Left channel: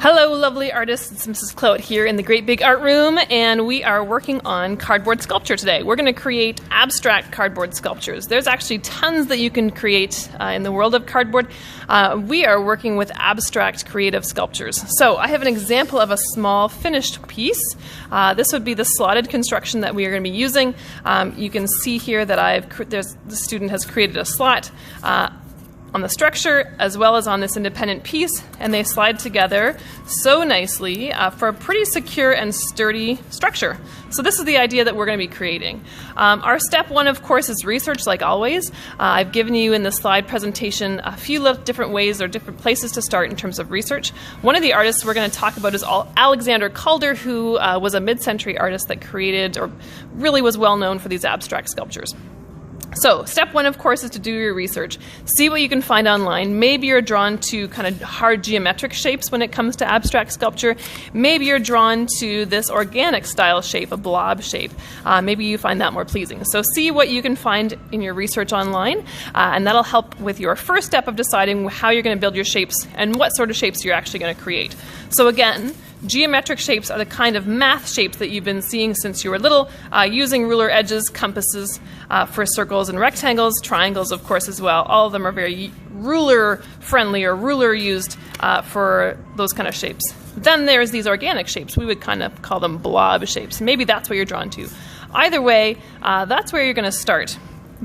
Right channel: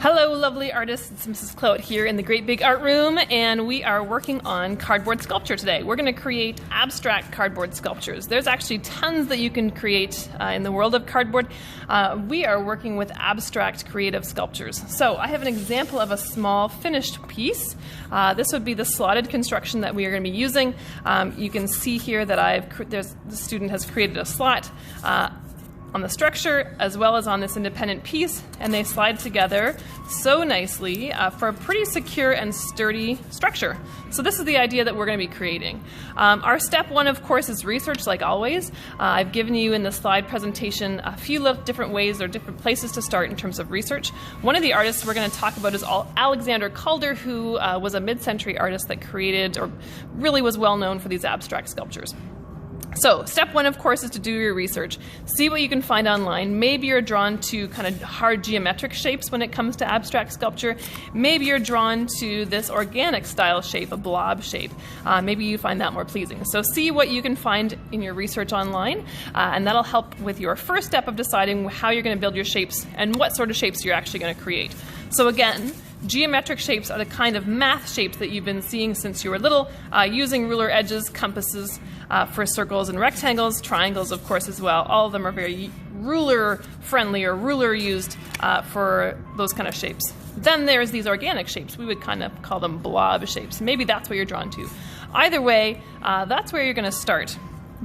Hello lovely artists, it's Mrs. Claude here in the Great Big Art Room, and we are working on cardboard sculpture today. We're going to create abstract cardboard sculptures. There's actually tons that you can create in the world of cardboard. We are working with abstract creative sculptures. So I have an example of a small finished piece. This would be the slotted construction that we are going to be using. You can see here that the student has created a slot on the structure as well as on this independent piece, and they slide together so nicely for a pretty secure and sturdy structure. So this is the idea that we're going to be creating. Our step one, of course, is research, like always. I've given you in the slide presentation a few different ways or different places to start in terms of research. One of the artists we're going to talk about is Alexander Calder, who was a mid-century artist that created, or really was well known for these abstract sculptures. So step one, of course, is to do your research. See what you can find online. Maybe you're drawn to kind of hard geometric shapes when it comes to abstract sculpture. Maybe you're drawn to this organic style shape, a blob shape. Maybe you find that more pleasing. So see what you can find in your research online, and that'll help with your first step of deciding how you're going to build your shapes and what sort of shapes you're actually going to create. So again, geometric shapes are the kind of math shapes that you've been seeing since you were little, using ruler edges, compasses, for circles and rectangles, triangles of course as well. All of them are very ruler friendly or ruler used for those kind of shapes. Then there's these organic shapes. We would kind of call them blob shapes. Maybe that's what you're drawn to. Either way, that's where you're going to start.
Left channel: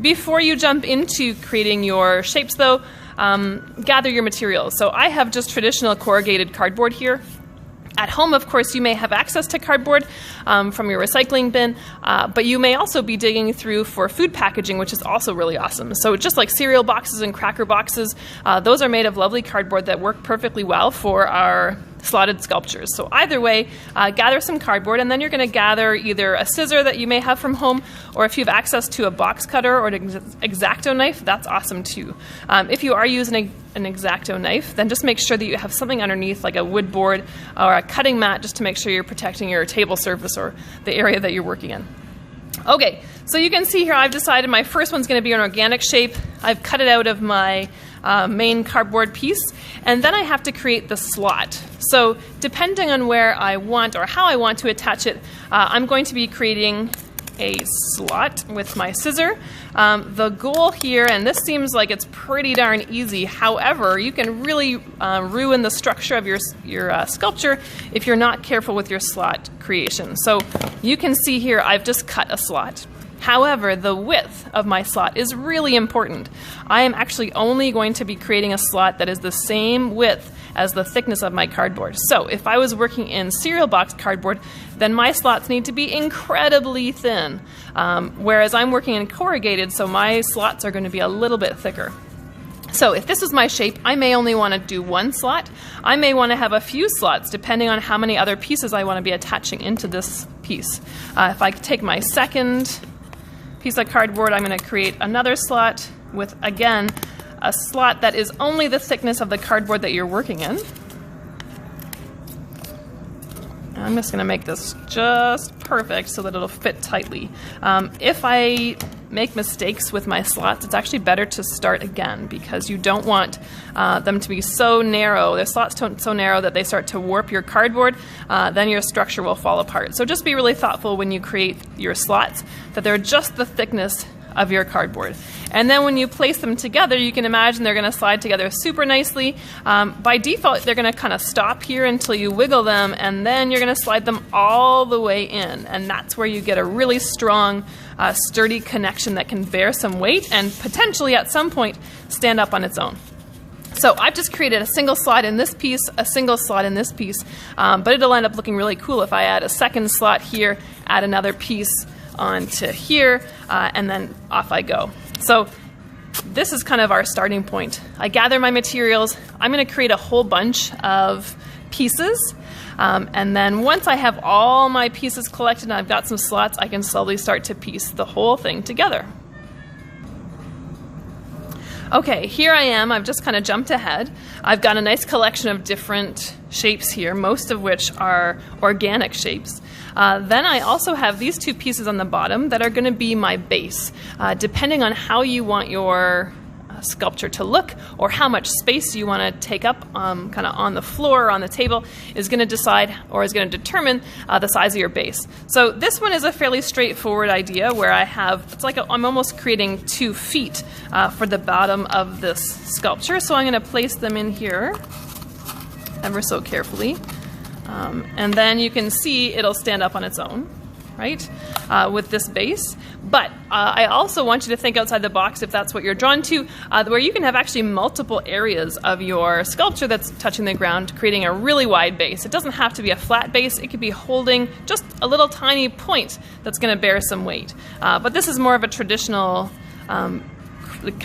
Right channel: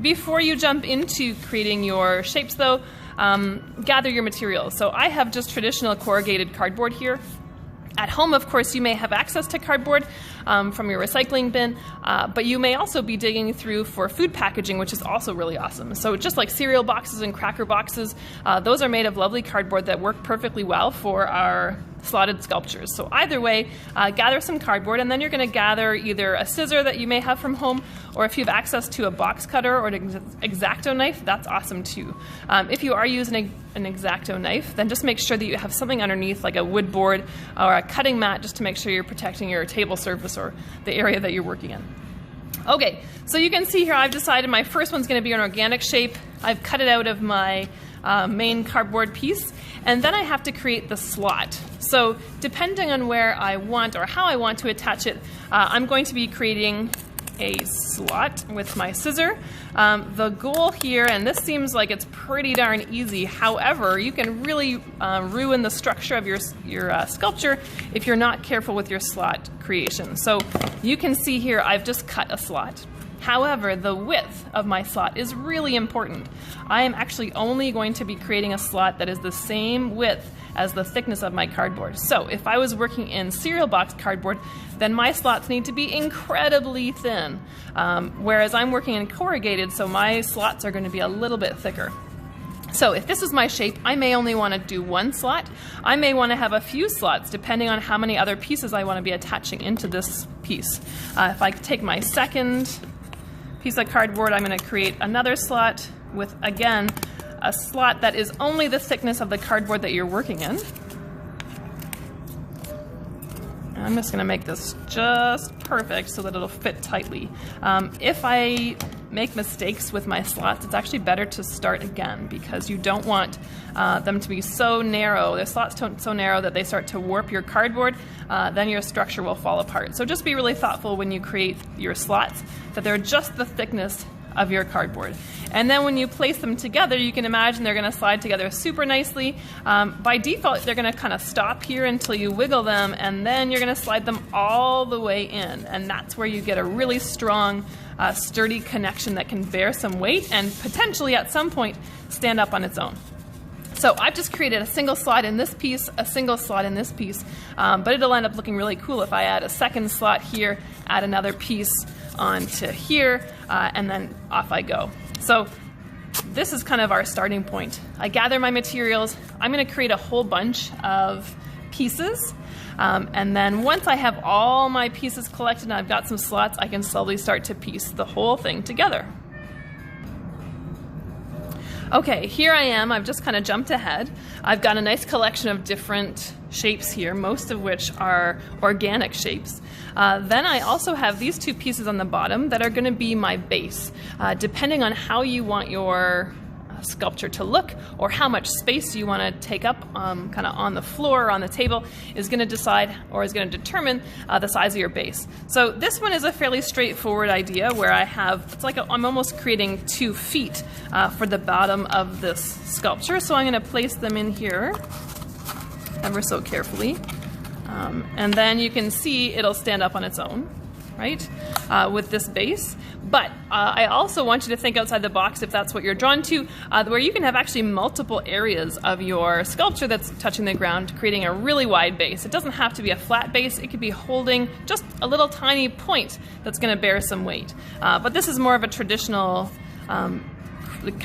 Before you jump into creating your shapes though, gather your materials. So I have just traditional corrugated cardboard here. At home, of course, you may have access to cardboard from your recycling bin, but you may also be digging through for food packaging, which is also really awesome. So just like cereal boxes and cracker boxes, those are made of lovely cardboard that work perfectly well for our slotted sculptures. So either way, gather some cardboard, and then you're going to gather either a scissor that you may have from home, or if you have access to a box cutter or an X-Acto knife, that's awesome too. If you are using an X-Acto knife, then just make sure that you have something underneath, like a wood board or a cutting mat, just to make sure you're protecting your table surface or the area that you're working in. Okay, so you can see here I've decided my first one's going to be an organic shape. I've cut it out of my main cardboard piece, and then I have to create the slot. So depending on where I want or how I want to attach it, I'm going to be creating a slot with my scissor. The goal here, and this seems like it's pretty darn easy, however, you can really ruin the structure of your sculpture if you're not careful with your slot creation. So you can see here I've just cut a slot. However, the width of my slot is really important. I am actually only going to be creating a slot that is the same width as the thickness of my cardboard. So if I was working in cereal box cardboard, then my slots need to be incredibly thin. Whereas I'm working in corrugated, so my slots are going to be a little bit thicker. So if this is my shape, I may only want to do one slot. I may want to have a few slots depending on how many other pieces I want to be attaching into this piece. If I take my second piece of cardboard, I'm going to create another slot with, again, a slot that is only the thickness of the cardboard that you're working in. And I'm just going to make this just perfect so that it'll fit tightly. If I make mistakes with my slots, it's actually better to start again, because you don't want them to be so narrow, their slots so narrow that they start to warp your cardboard, then your structure will fall apart. So just be really thoughtful when you create your slots that they're just the thickness of your cardboard. And then when you place them together, you can imagine they're going to slide together super nicely. By default, they're going to kind of stop here until you wiggle them, and then you're going to slide them all the way in. And that's where you get a really strong, sturdy connection that can bear some weight and potentially at some point stand up on its own. So I've just created a single slot in this piece, a single slot in this piece, but it'll end up looking really cool if I add a second slot here, add another piece onto here, and then off I go. So this is kind of our starting point. I gather my materials. I'm going to create a whole bunch of pieces, and then once I have all my pieces collected and I've got some slots, I can slowly start to piece the whole thing together. Okay, here I am. I've just kind of jumped ahead. I've got a nice collection of different shapes here, most of which are organic shapes. Then I also have these two pieces on the bottom that are going to be my base. Depending on how you want your sculpture to look, or how much space you want to take up kind of on the floor or on the table is going to decide, or is going to determine the size of your base. So this one is a fairly straightforward idea where I have, it's like I'm almost creating 2 feet for the bottom of this sculpture. So I'm going to place them in here ever so carefully. And then you can see it'll stand up on its own, right, with this base. But I also want you to think outside the box, if that's what you're drawn to, where you can have actually multiple areas of your sculpture that's touching the ground, creating a really wide base. It doesn't have to be a flat base. It could be holding just a little tiny point that's going to bear some weight. But this is more of a traditional kind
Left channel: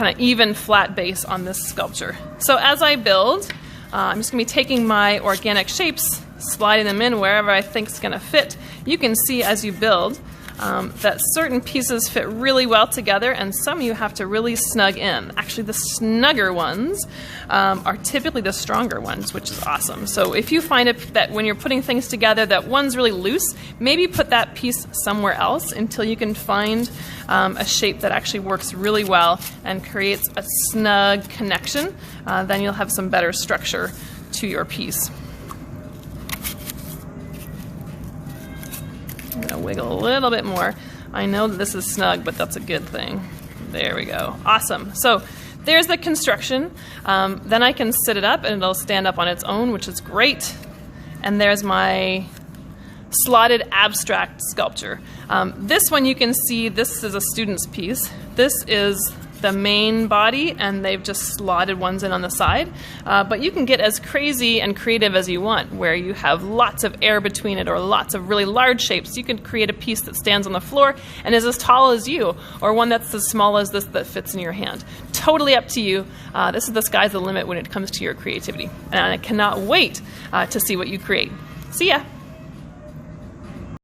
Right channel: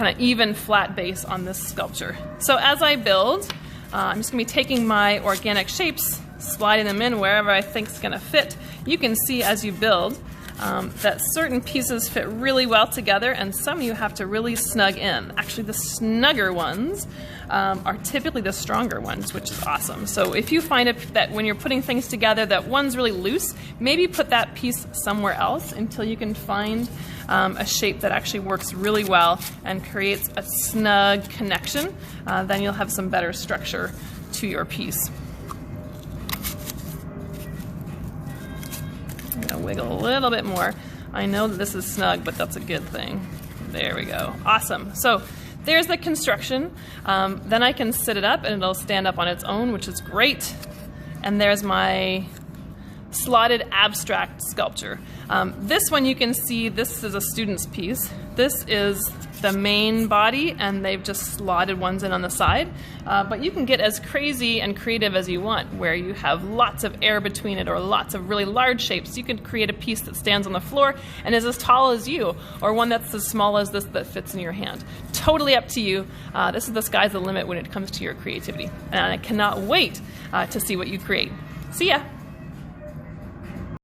of even flat base on this sculpture. So as I build, I'm just going to be taking my organic shapes, sliding them in wherever I think is going to fit. You can see as you build that certain pieces fit really well together, and some you have to really snug in. Actually, the snugger ones are typically the stronger ones, which is awesome. So if you find it that when you're putting things together that one's really loose, maybe put that piece somewhere else until you can find a shape that actually works really well and creates a snug connection. Then you'll have some better structure to your piece. I'm going to wiggle a little bit more. I know that this is snug, but that's a good thing. There we go. Awesome. So there's the construction. Then I can sit it up and it'll stand up on its own, which is great. And there's my slotted abstract sculpture. This one you can see, this is a student's piece. This is the main body, and they've just slotted ones in on the side. But you can get as crazy and creative as you want, where you have lots of air between it or lots of really large shapes. You can create a piece that stands on the floor and is as tall as you, or one that's as small as this that fits in your hand. Totally up to you. This is the sky's the limit when it comes to your creativity. And I cannot wait to see what you create. See ya.